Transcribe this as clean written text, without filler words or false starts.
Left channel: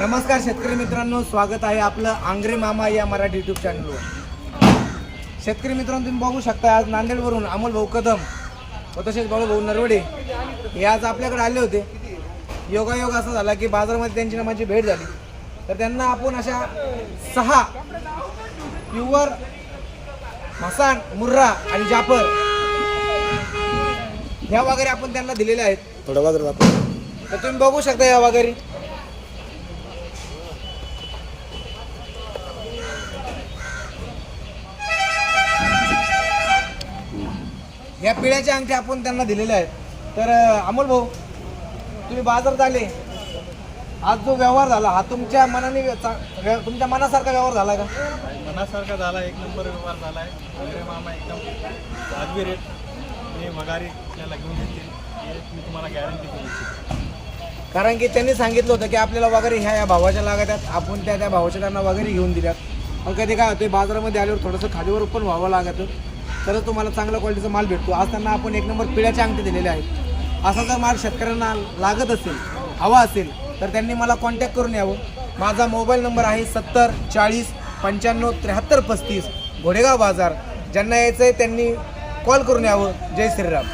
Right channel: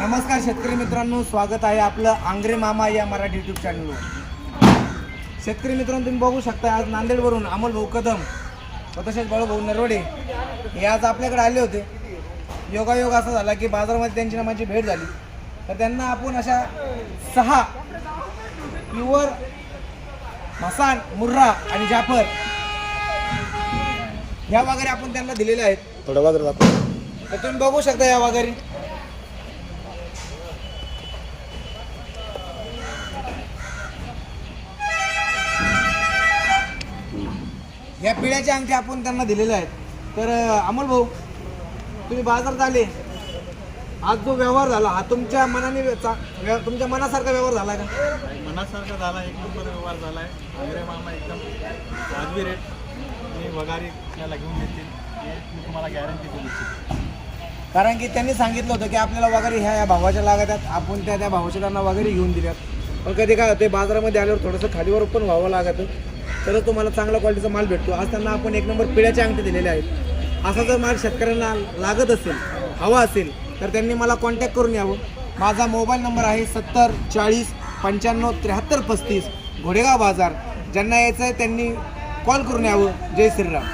नमस्कार शेतकरी मित्रांनो, स्वागत आहे आपलं आंग्रे मामा या मराठी यूट्यूब चॅनलवर। शेतकरी मित्रांनो, तुम्ही बघू शकता आज नांदेडवरून अमोल भाऊ कदम व तसेच बाळूभाऊ नरवडे हे आज आपल्याकडे आले होते। योगायोग असा झाला की बाजारामध्ये त्यांची माझी भेट झाली, तर त्यांना आपण अशा 6 प्युअर मसान, मुर्रा आणि जाफर ह्या वगैरे आपण त्यांना दिलेल्या आहेत। थोडं बाजार तर तुम्ही बघू शकता या वगैरे या पिढ्याच्या अंगठी आपण त्यांना दिलेल्या आहेत। तर अमोल भाऊ, तुम्ही बाजारात आले, आज जो व्यवहार झाला हा तुमच्या मनाने तुमच्या मनासारखा व्यवहार झाला का? मनासारखा झाला, एक नंबर व्यवहार झाला आहे। मामा एकदम वाजवी रेट मी वगारी त्याला घेऊन येते, मी तुम्हाला गॅरंटी देऊ शकतो। कारण की त्यांनी सांगितलं होतं की आपल्याला वगैरे ह्या भावाच्या लागतात, आपण त्या भावाच्या त्यांना वगैरे घेऊन दिल्या। पण कधी काय होते, बाजारामध्ये आल्यावर थोडंसं खालीवर पण व्हावं लागतं, तरच तुम्हाला चांगल्या क्वालिटीचा माल भेटतो। आज त्यांना आपण एक नंबर पिढ्याचे अंगठी दिलेले आहेत। असा जर माल शेतकऱ्यांना लागत असेल, हवा असेल, तर त्यांनी मला कॉन्टॅक्ट करून यावं। माझा मोबाईल नंबर आहे 70 40 95 73 35, घोडेगाव बाजार। ज्यांना यायचं आहे त्यांनी कॉल करून यावं। जय श्रीराम।